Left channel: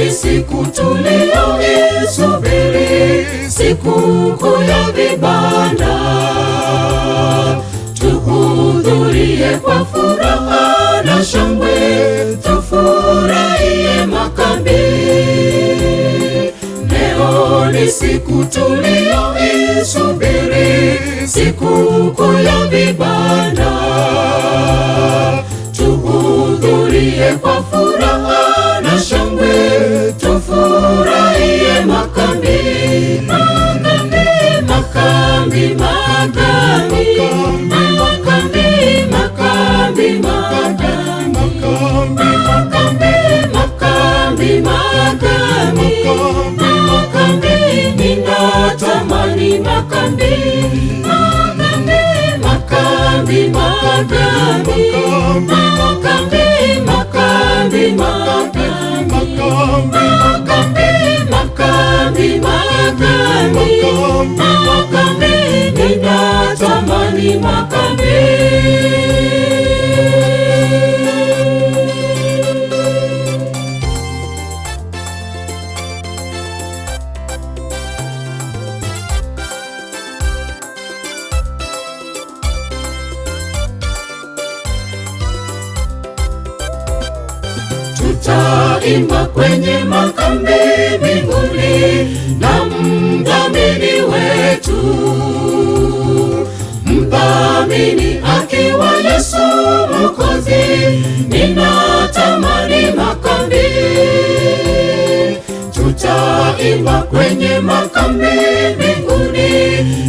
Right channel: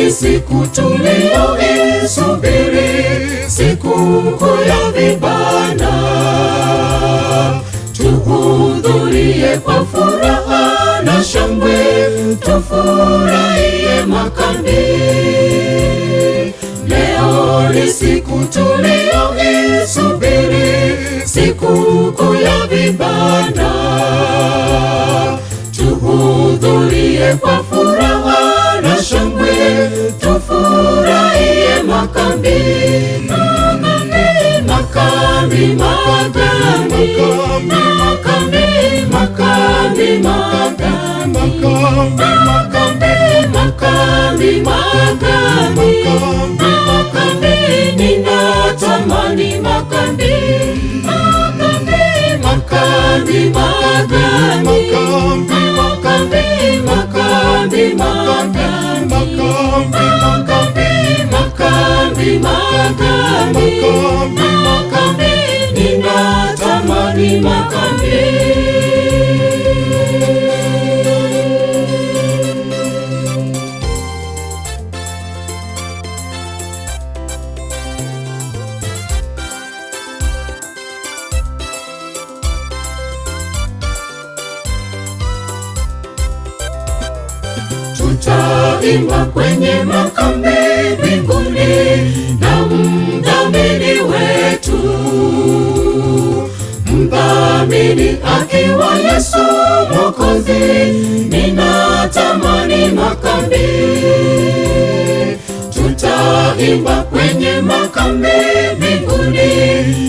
ni siku tuliyoisubiri, sikukuu ya vibanda. Tuhudhurie kwa furaha na shangwe, tufurahie makambi. Leo ni siku tuliyoisubiri, sikukuu ya vibanda. Tuhudhurie kwa furaha na shangwe, tufurahie makambi. Makambi, makambi, makambi, makambi, makambi, makambi, makambi, makambi, makambi, ninatamani makambi. Makambi, makambi, makambi, makambi, makambi, makambi, makambi, makambi, makambi, ninatamani makambi. Tutaimba kwenye makambi mbinguni na mdhamini wetu, mdhamini akiwa Yesu Mwokozi. Ninatamani makambi. Tutaimba kwenye makambi mbinguni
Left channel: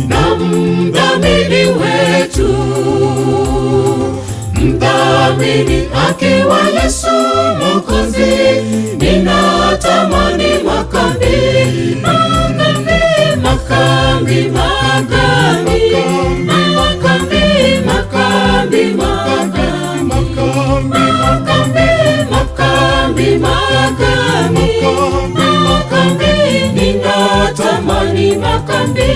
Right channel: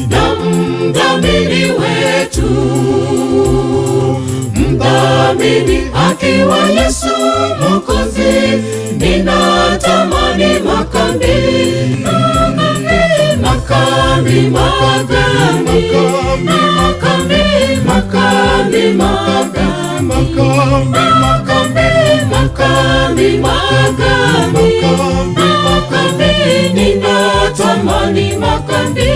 na mdhamini wetu, mdhamini akiwa Yesu Mwokozi. Ninatamani makambi. Makambi, makambi, makambi, makambi, makambi, makambi, makambi, makambi, makambi, ninatamani makambi.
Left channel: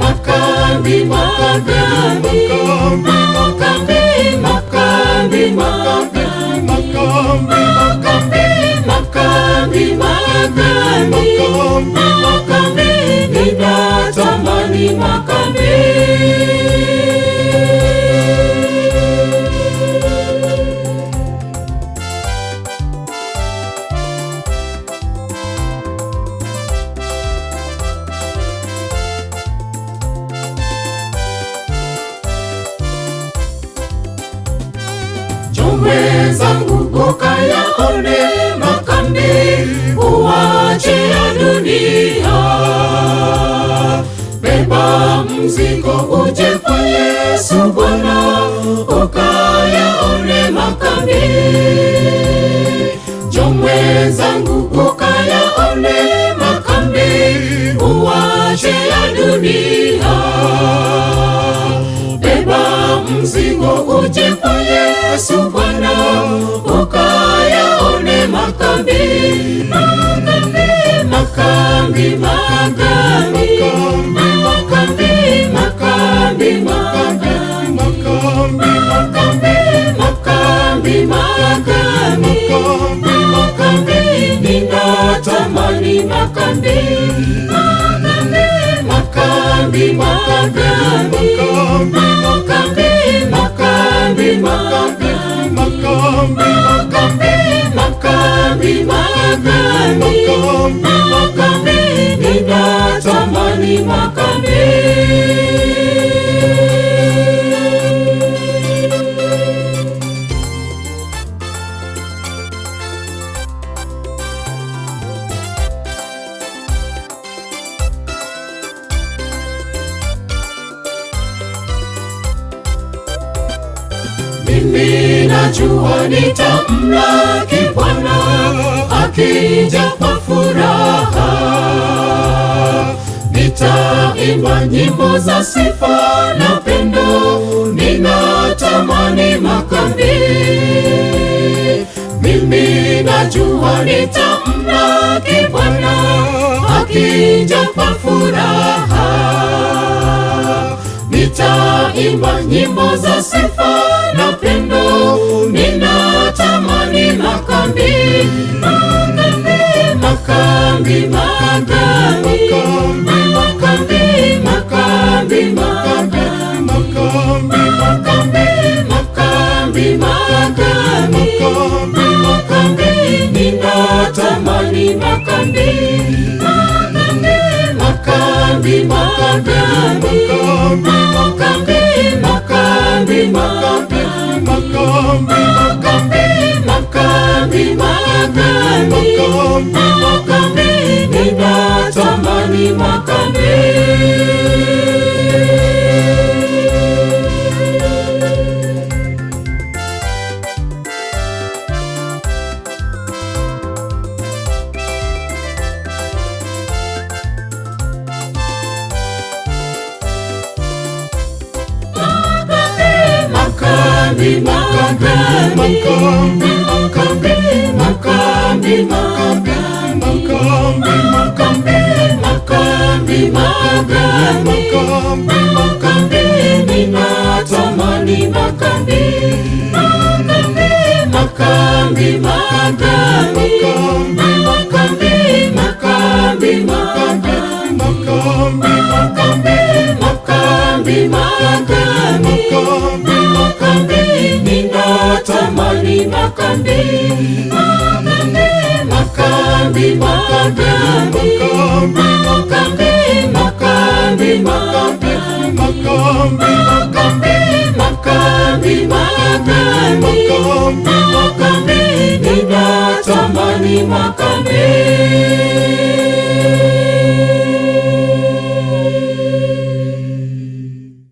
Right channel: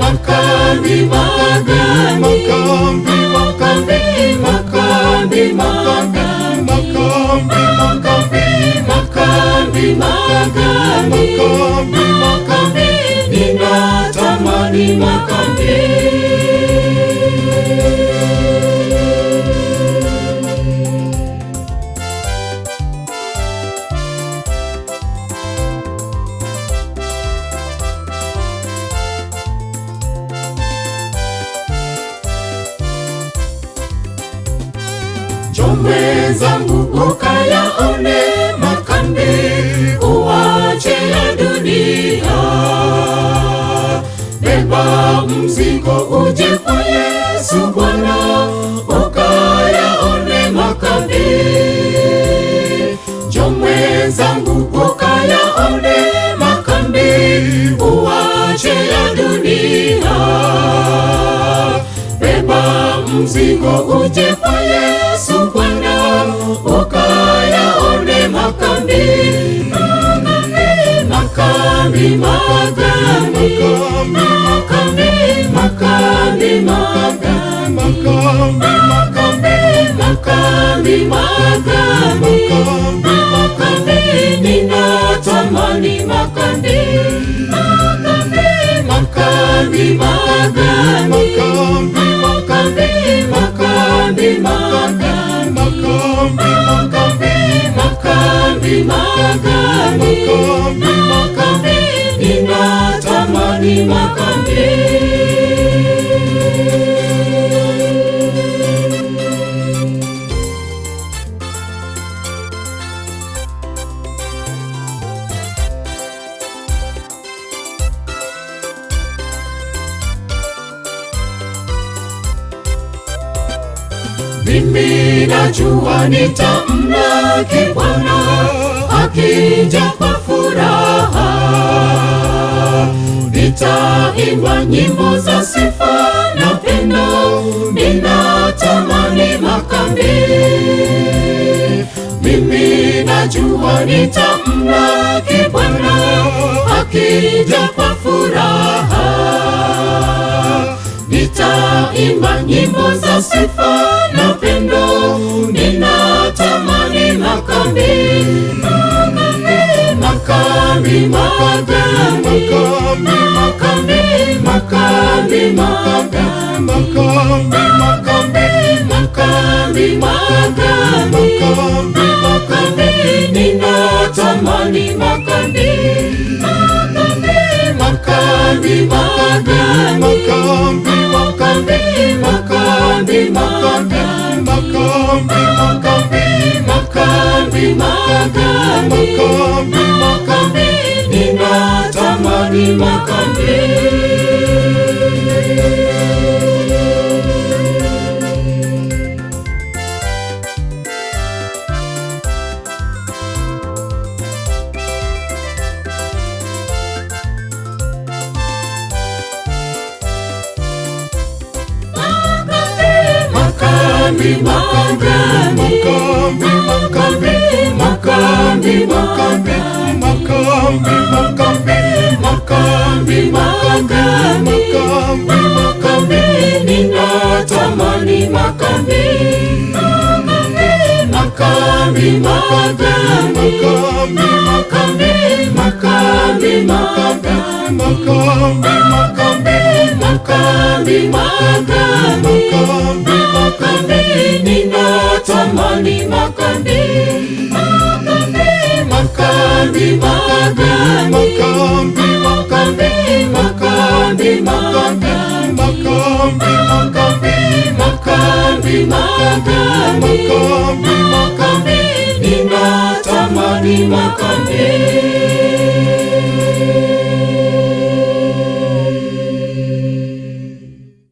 Makambi, makambi, makambi, makambi, makambi, makambi, makambi, makambi, makambi, ninatamani makambi. Njoo zangu ukayaone makambi, uache ya dunia. Beba mzigo uje kwa Yesu Bwana, ukayaone makambi. Njoo zangu ukayaone makambi, uache ya dunia. Beba mzigo uje kwa Yesu Bwana, ukayaone makambi. Makambi, makambi, makambi, makambi, makambi, makambi, makambi, makambi, makambi, ninatamani makambi. Makambi, makambi, makambi, makambi, makambi, makambi, makambi, makambi, makambi, ninatamani makambi. Mimi najua nitamlaki Bwana akija kwa furaha. Nitaimba nyimbo za sifa na pendo, ninatamani makambi. Mimi najua nitamlaki Bwana akija kwa furaha. Nitaimba nyimbo za sifa na pendo, ninatamani makambi. Makambi